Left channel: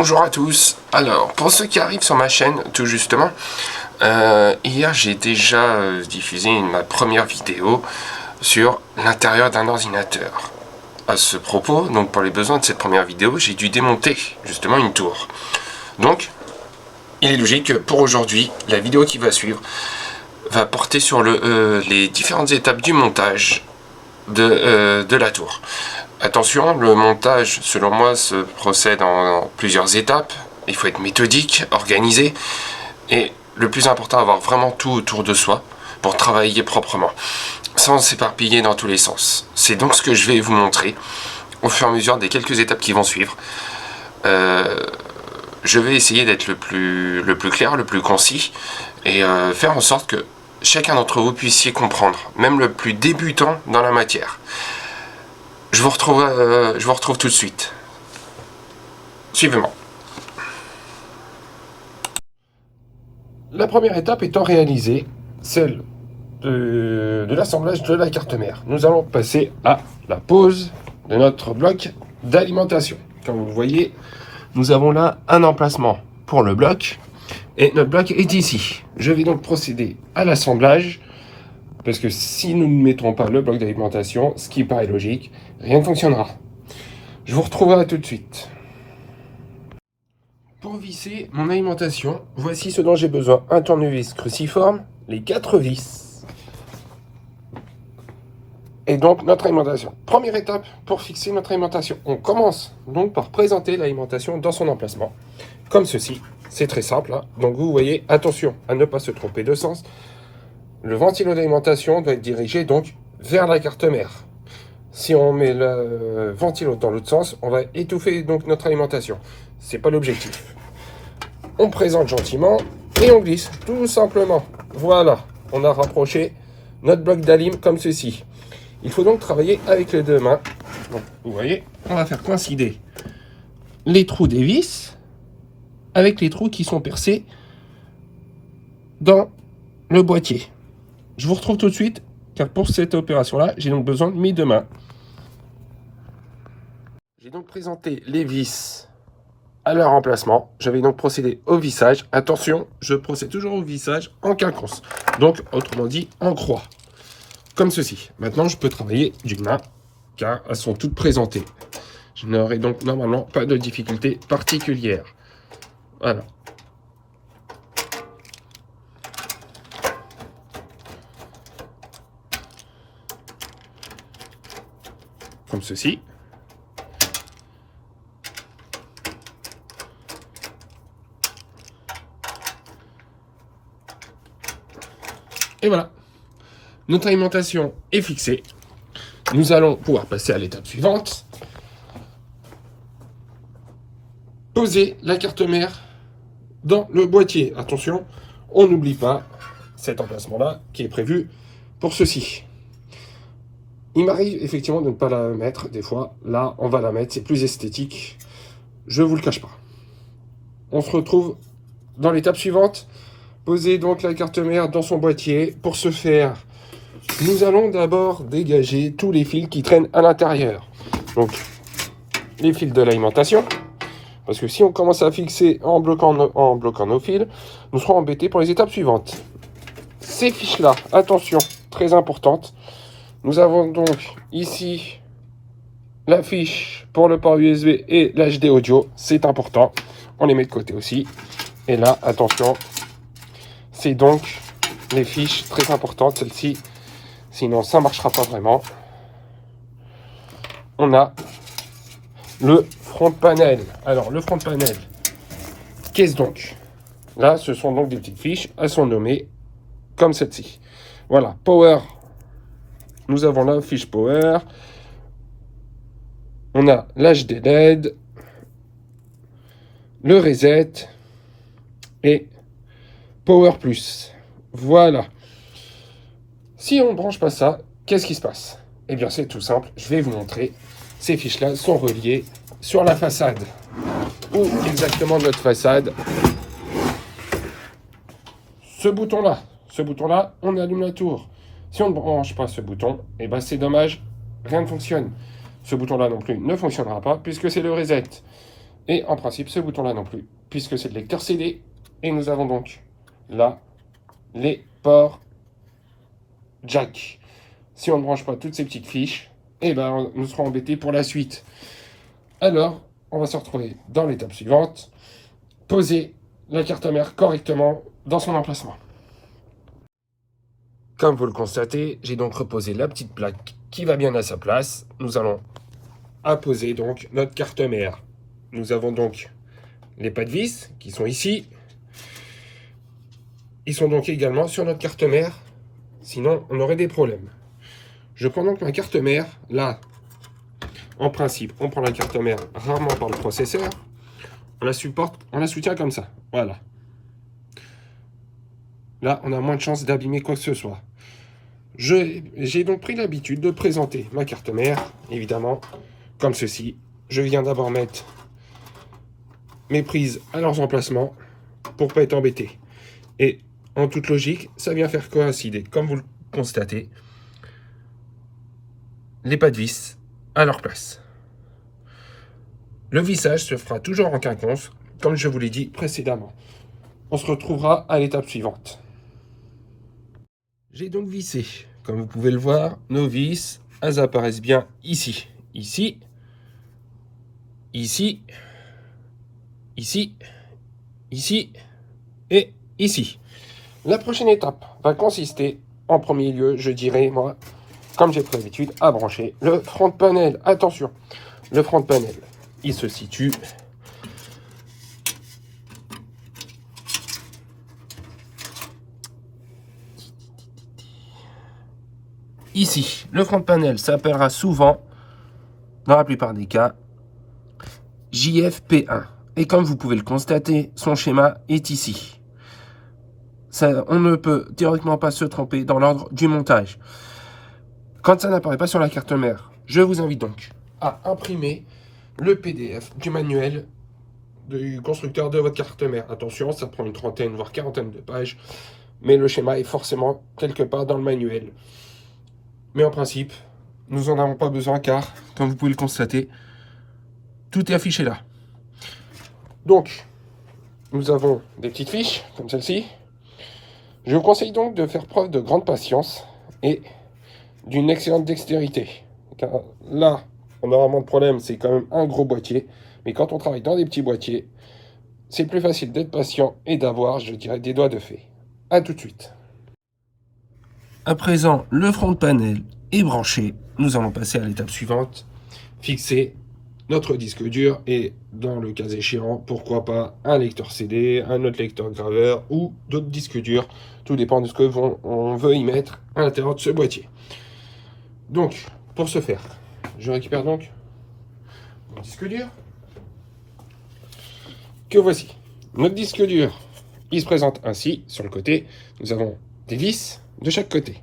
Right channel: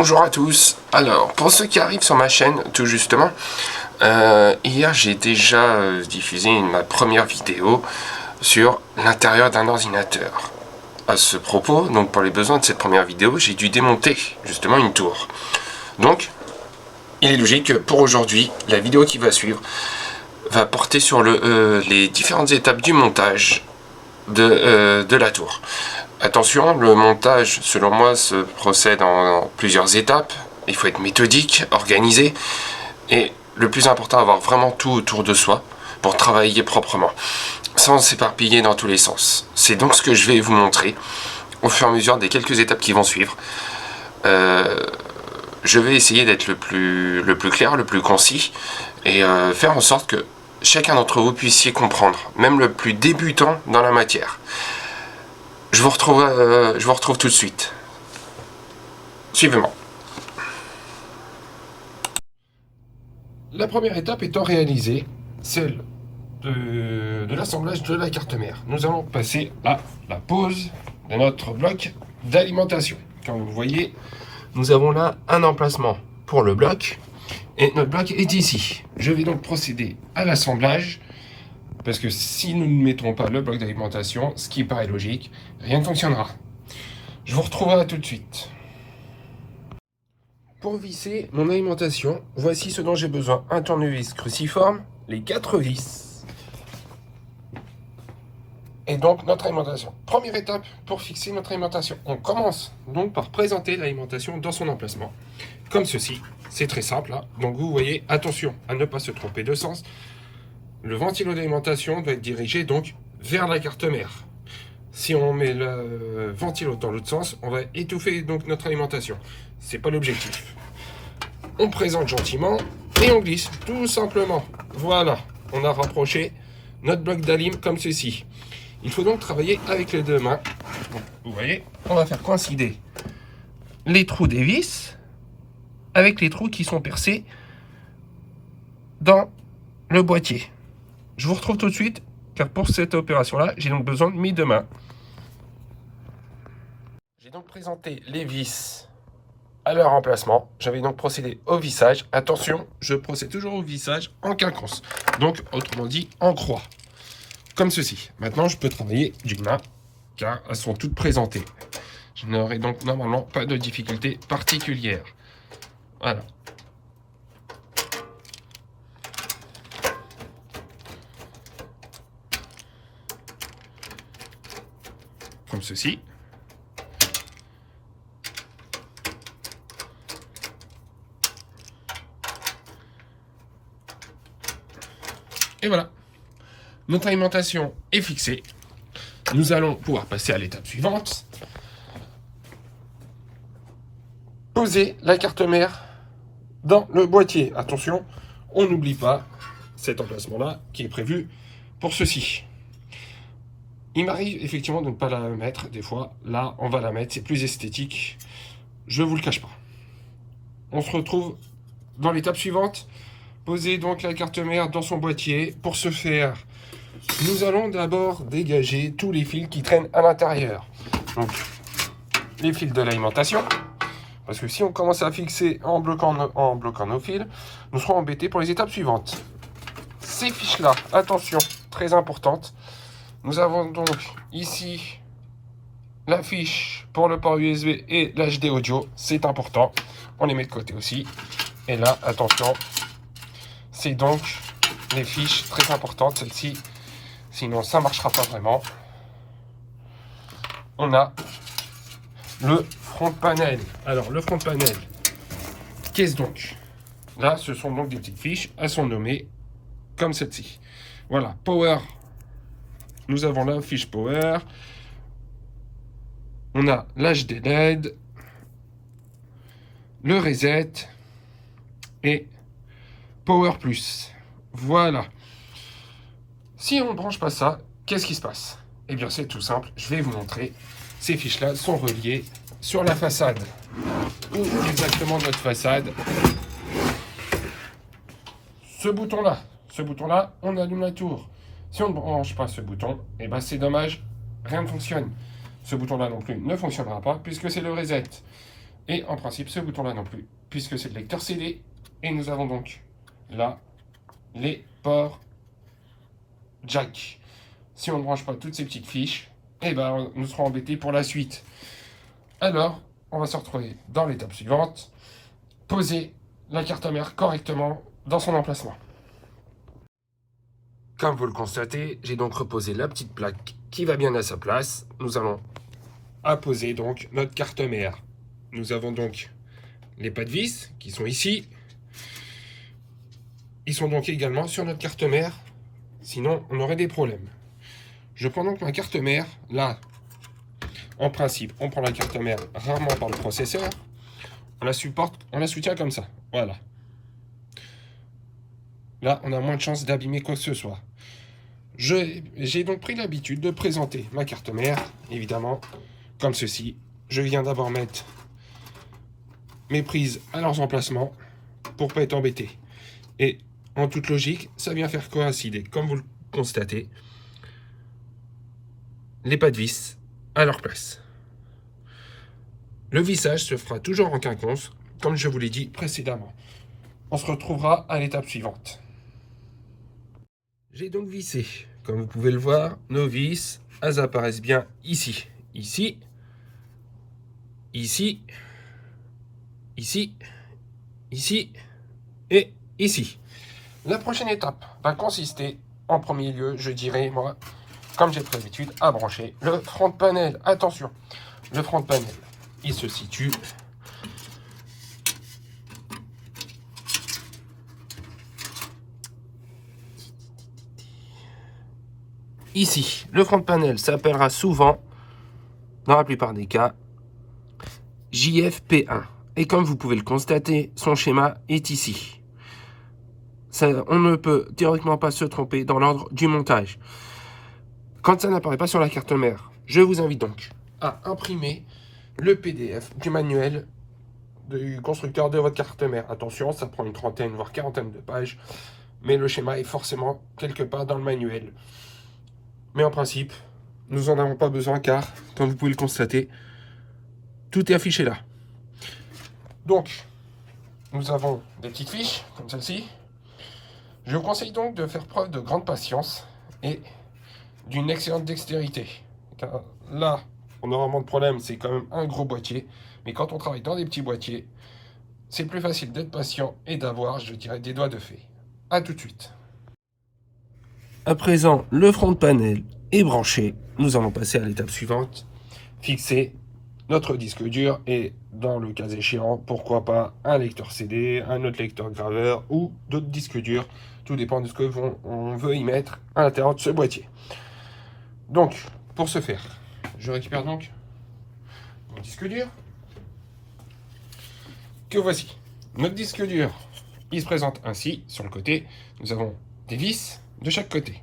Bonjour à tous. Alors, pour ceux qui arrivent sur ma chaîne, tout justement, hier j'ai déjà diffusé ma première vidéo sur l'intérieur d'un ordinateur. À ce propos, donc pour les besoins de cette première vidéo, j'ai dû démonter justement une tour. Donc, il est logique que pour aujourd'hui, la vidéo qui va suivre va porter sur les différentes étapes du montage de la tour. Attention, le montage, selon moi, se procède en plusieurs étapes. Il faut être méthodique, organisé, et le plus important, avoir vraiment tout autour de soi pour travailler proprement, sans s'éparpiller dans tous les sens. C'est donc ce que je vais vous montrer au fur et à mesure des quelques étapes qui vont suivre. Je vais essayer d'être le plus clair, le plus concis, et faire en sorte que chacun d'entre vous puissiez comprendre, même le plus débutant dans la matière. Je vous retrouve tout de suite. Suivez-moi. La première étape étant réalisée, celle de l'assemblage de la carte mère. Nous allons passer à la pose de notre bloc d'alimentation. Comme vous voyez, nous avons là un emplacement pour le bloc et notre bloc est ici. Je vais donc procéder à l'assemblage. Parce que si nous ne mettrons pas le bloc d'alimentation, ce qui paraît logique, rien ne fonctionnera. Je vous retrouverai tout de suite. Pour visser mon alimentation, voici ce dont j'ai besoin. Un tournevis cruciforme, les 4 vis. Et donc notre alimentation. Première étape pour fixer notre alimentation. On commence donc par présenter l'alimentation dans son emplacement. Comme ceci. C'est très simple. Hein. Donc vous voyez, attention à ne pas se tromper de sens. Le ventilo d'alimentation doit être dirigé donc vers la carte mère. Si on met le ventilo dans l'autre sens, on va étouffer donc notre alimentation. C'est pas l'objectif. On présente gentiment et on glisse tout simplement. Voilà, on a rapproché notre bloc d'alim comme ceci. Il faut donc travailler avec les deux mains. Donc, vous voyez, on va faire coïncider les trous des vis avec les trous qui sont percés dans le boîtier. Je vous retrouve tout de suite, car pour cette opération-là, j'ai donc besoin de mes deux mains. J'ai donc présenté les vis à leur emplacement. Je vais donc procéder au vissage. Attention, je procède toujours au vissage en quinconce. Donc, autrement dit, en croix. Comme ceci. Maintenant, je peux travailler d'une main, car elles sont toutes présentées. Je n'aurai donc normalement pas de difficulté particulière. Voilà. Comme ceci. Et voilà. Notre alimentation est fixée. Nous allons pouvoir passer à l'étape suivante. Poser la carte mère dans le boîtier. Attention, on n'oublie pas cet emplacement-là qui est prévu pour ceci. Il m'arrive effectivement de ne pas la mettre des fois. Là, on va la mettre, c'est plus esthétique. Je ne vous le cache pas. On se retrouve dans l'étape suivante. Poser donc la carte mère dans son boîtier. Pour ce faire, nous allons d'abord dégager tous les fils qui traînent à l'intérieur. Donc, les fils de l'alimentation. Parce que si on commence à fixer en bloquant nos fils, nous serons embêtés pour les étapes suivantes. Ces fiches-là, attention, très importante. Nous avons donc ici la fiche pour le port USB et l'HD audio. C'est important. On les met de côté aussi. Et là, attention, c'est donc les fiches très importantes, celles-ci. Sinon, ça ne marchera pas vraiment. On a le front panel. Alors, le front panel, qu'est-ce donc? Là, ce sont donc des petites fiches. Elles sont nommées comme celle-ci. Voilà, Power. Nous avons la fiche Power. On a l'HD LED, le Reset et Power Plus. Voilà. Si on ne branche pas ça, qu'est-ce qui se passe? Eh bien, c'est tout simple. Je vais vous montrer. Ces fiches-là sont reliées sur la façade. Où exactement notre façade? Ce bouton-là, on allume la tour. Si on ne branche pas ce bouton, eh ben c'est dommage, rien ne fonctionne. Ce bouton-là non plus ne fonctionnera pas puisque c'est le reset. Et en principe, ce bouton-là non plus, puisque c'est le lecteur CD. Et nous avons donc là les ports jack. Si on ne branche pas toutes ces petites fiches, eh ben, nous serons embêtés pour la suite. Alors, on va se retrouver dans l'étape suivante. Poser la carte mère correctement dans son emplacement. Comme vous le constatez, j'ai donc reposé la petite plaque qui va bien à sa place. Nous allons apposer donc notre carte mère. Nous avons donc les pas de vis qui sont ici. Ils sont donc également sur notre carte mère, sinon on aurait des problèmes. Je prends donc ma carte mère, là, en principe, on prend la carte mère rarement par le processeur, on la soutient comme ça, voilà. Là, on a moins de chances d'abîmer quoi que ce soit. J'ai donc pris l'habitude de présenter ma carte mère, évidemment, comme ceci. Je viens d'abord mettre mes prises à leurs emplacements pour pas être embêté. Et en toute logique, ça vient faire coïncider, comme vous le constatez, les pas de vis à leur place. Le vissage se fera toujours en quinconce, comme je vous l'ai dit précédemment. On se retrouvera à l'étape suivante. J'ai donc vissé. Comme vous pouvez le voir, nos vis, elles apparaissent bien ici. Ici, ici, ici, ici et ici. La prochaine étape va consister, en premier lieu, je dirais, moi, comme j'ai pris l'habitude, à brancher le front panel. Attention, le front panel, il se situe ici. Le front panel s'appellera souvent, dans la plupart des cas, JFP1. Et comme vous pouvez le constater, son schéma est ici. On ne peut théoriquement pas se tromper dans l'ordre du montage. Quand ça n'apparaît pas sur la carte mère, je vous invite donc à imprimer le PDF du manuel du constructeur de votre carte mère. Attention, ça prend une trentaine, voire quarantaine de pages, mais le schéma est forcément quelque part dans le manuel. Mais en principe, nous n'en avons pas besoin car, comme vous pouvez le constater, tout est affiché là. Donc, nous avons des petites fiches, comme celle-ci. Je vous conseille donc de faire preuve de grande patience et d'une excellente dextérité. Car là, on aura moins de problème, c'est quand même un gros boîtier. Mais quand on travaille dans des petits boîtiers, c'est plus facile d'être patient et d'avoir, je dirais, des doigts de fée. A tout de suite. À présent, le front panel est branché. Nous allons passer à l'étape suivante. Fixer notre disque dur et, dans le cas échéant, pourquoi pas un lecteur CD, un autre lecteur graveur ou d'autres disques durs. Tout dépend de ce que on veut y mettre à l'intérieur de ce boîtier. Donc, pour ce faire, je récupère donc mon disque dur. Que voici. Notre disque dur, il se présente ainsi. Sur le côté, nous avons des vis de chaque côté.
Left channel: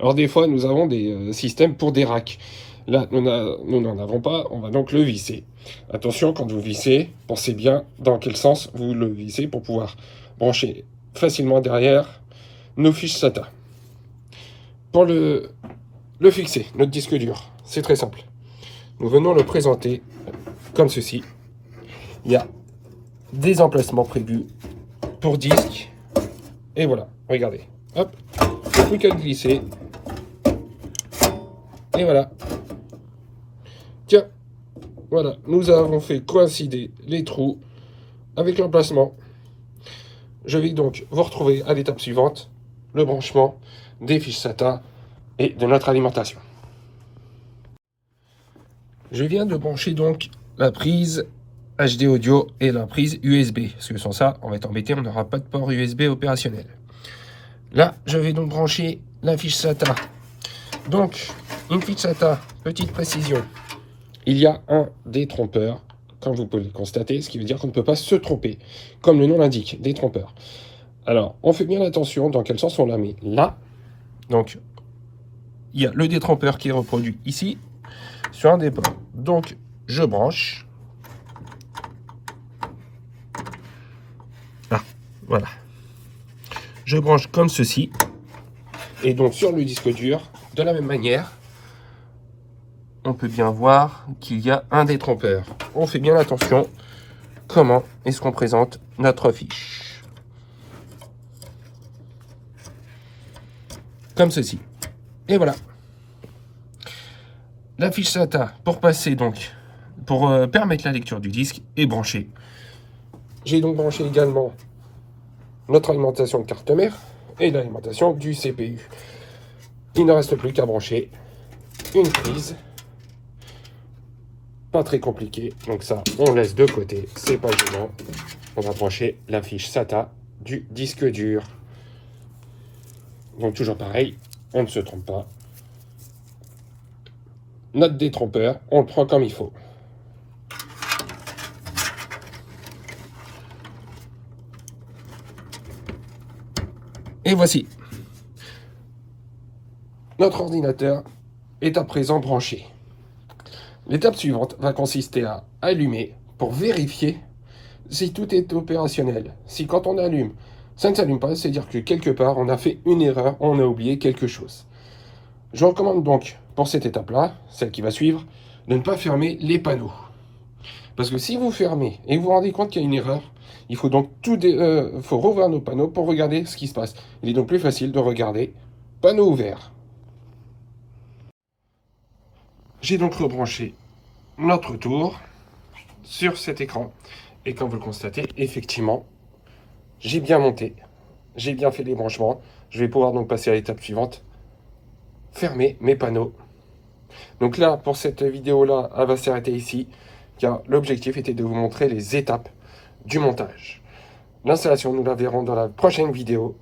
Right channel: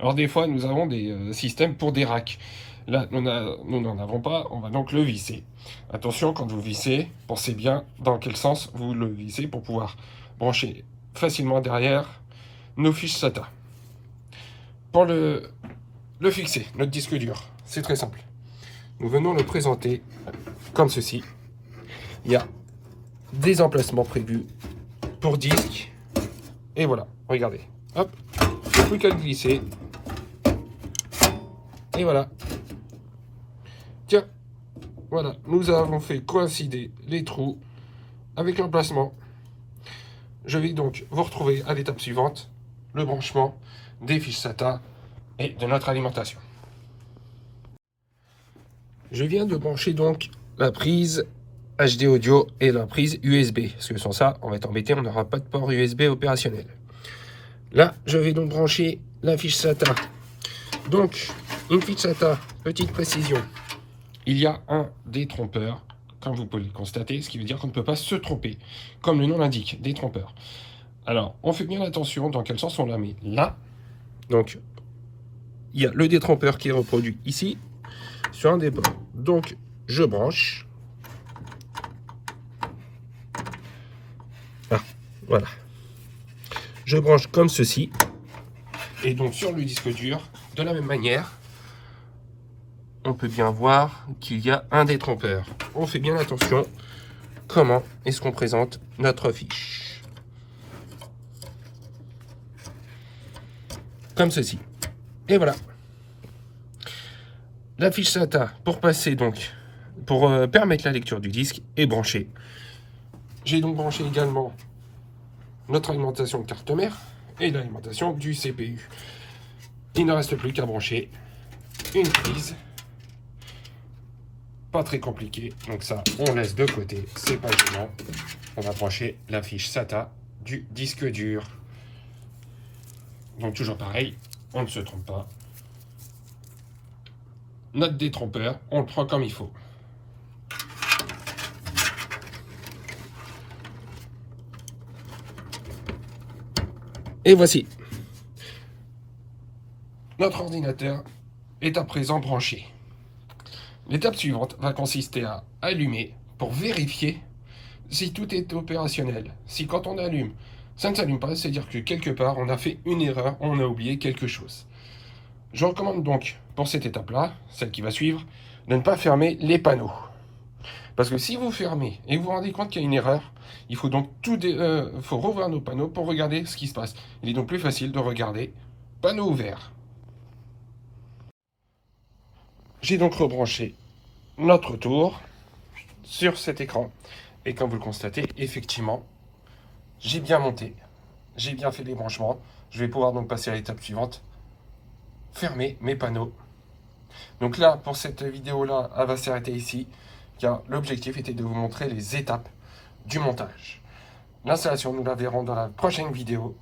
Alors des fois, nous avons des systèmes pour des racks. Là, nous n'en avons pas, on va donc le visser. Attention, quand vous vissez, pensez bien dans quel sens vous le vissez pour pouvoir brancher facilement derrière nos fiches SATA. Pour le fixer, notre disque dur, c'est très simple. Nous venons le présenter comme ceci. Il y a des emplacements prévus pour disque. Et voilà, regardez. Hop, il n'y a plus qu'à le glisser. Et voilà. Tiens, voilà, nous avons fait coïncider les trous avec l'emplacement. Je vais donc vous retrouver à l'étape suivante, le branchement des fiches SATA et de notre alimentation. Je viens de brancher donc la prise HD audio et la prise USB, parce que sans ça, on va être embêté, on n'aura pas de port USB opérationnel. Là, je vais donc brancher la fiche SATA. Donc, une fiche SATA, petite précision. Il y a un détrompeur, comme vous pouvez le constater, ce qui veut dire qu'on ne peut pas se tromper, comme le nom l'indique, détrompeur. Alors, on fait bien attention dans quel sens on la met. Là, donc, il y a le détrompeur qui est reproduit ici, sur un des bords. Donc, je branche. Ah, voilà. Je branche comme ceci. Et donc, sur le disque dur, de la même manière, on peut bien voir qu'il y a un détrompeur. On fait bien attention. comment est-ce qu'on présente notre fiche. Comme ceci. Et voilà. La fiche SATA, pour passer donc, pour permettre la lecture du disque, est branchée. J'ai donc branché également notre alimentation de carte mère et l'alimentation du CPU. Il ne reste plus qu'à brancher une prise. Pas très compliqué, donc ça on laisse de côté, c'est pas gênant. On va brancher la fiche SATA du disque dur. Donc toujours pareil, on ne se trompe pas. Notre détrompeur, on le prend comme il faut. Et voici. Notre ordinateur est à présent branché. L'étape suivante va consister à allumer pour vérifier si tout est opérationnel. Si quand on allume, ça ne s'allume pas, c'est-à-dire que quelque part on a fait une erreur, on a oublié quelque chose. Je recommande donc pour cette étape-là, celle qui va suivre, de ne pas fermer les panneaux. Parce que si vous fermez et vous vous rendez compte qu'il y a une erreur, il faut donc faut rouvrir nos panneaux pour regarder ce qui se passe. Il est donc plus facile de regarder panneau ouvert. J'ai donc rebranché notre tour sur cet écran. Et comme vous le constatez, effectivement, j'ai bien monté. J'ai bien fait les branchements. Je vais pouvoir donc passer à l'étape suivante. Fermer mes panneaux. Donc là, pour cette vidéo-là, elle va s'arrêter ici, car l'objectif était de vous montrer les étapes du montage. L'installation, nous la verrons dans la prochaine vidéo,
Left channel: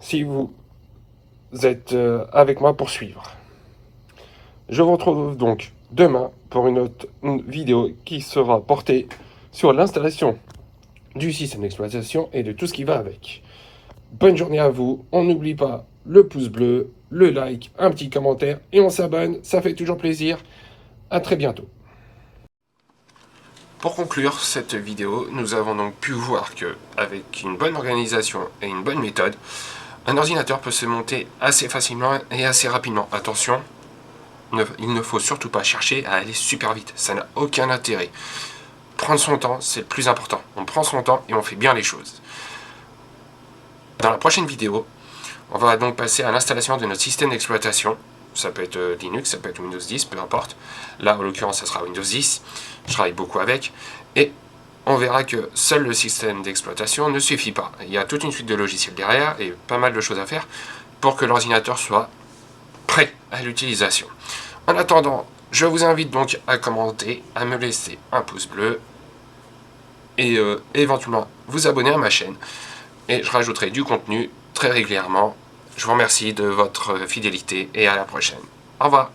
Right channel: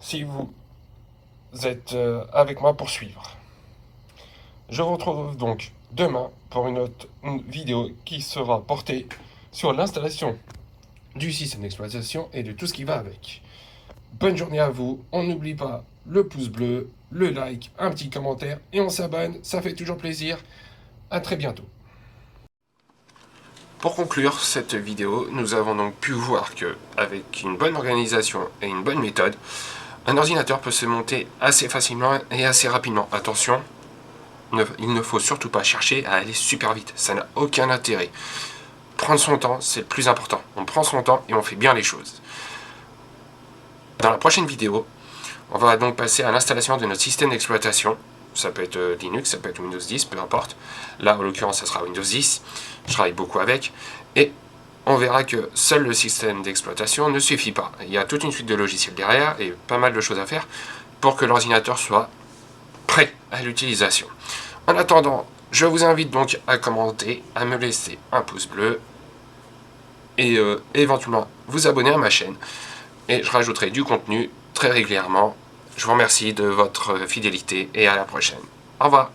si vous êtes avec moi pour suivre. Je vous retrouve donc demain pour une autre vidéo qui sera portée sur l'installation du système d'exploitation et de tout ce qui va avec. Bonne journée à vous, on n'oublie pas le pouce bleu, le like, un petit commentaire et on s'abonne, ça fait toujours plaisir. À très bientôt. Pour conclure cette vidéo, nous avons donc pu voir que, avec une bonne organisation et une bonne méthode, un ordinateur peut se monter assez facilement et assez rapidement. Attention, il ne faut surtout pas chercher à aller super vite, ça n'a aucun intérêt. Prendre son temps, c'est le plus important. On prend son temps et on fait bien les choses. Dans la prochaine vidéo, on va donc passer à l'installation de notre système d'exploitation. Ça peut être Linux, ça peut être Windows 10, peu importe. Là, en l'occurrence, ça sera Windows 10. Je travaille beaucoup avec. Et on verra que seul le système d'exploitation ne suffit pas. Il y a toute une suite de logiciels derrière et pas mal de choses à faire pour que l'ordinateur soit prêt à l'utilisation. En attendant, je vous invite donc à commenter, à me laisser un pouce bleu et éventuellement vous abonner à ma chaîne. Et je rajouterai du contenu très régulièrement. Je vous remercie de votre fidélité et à la prochaine. Au revoir.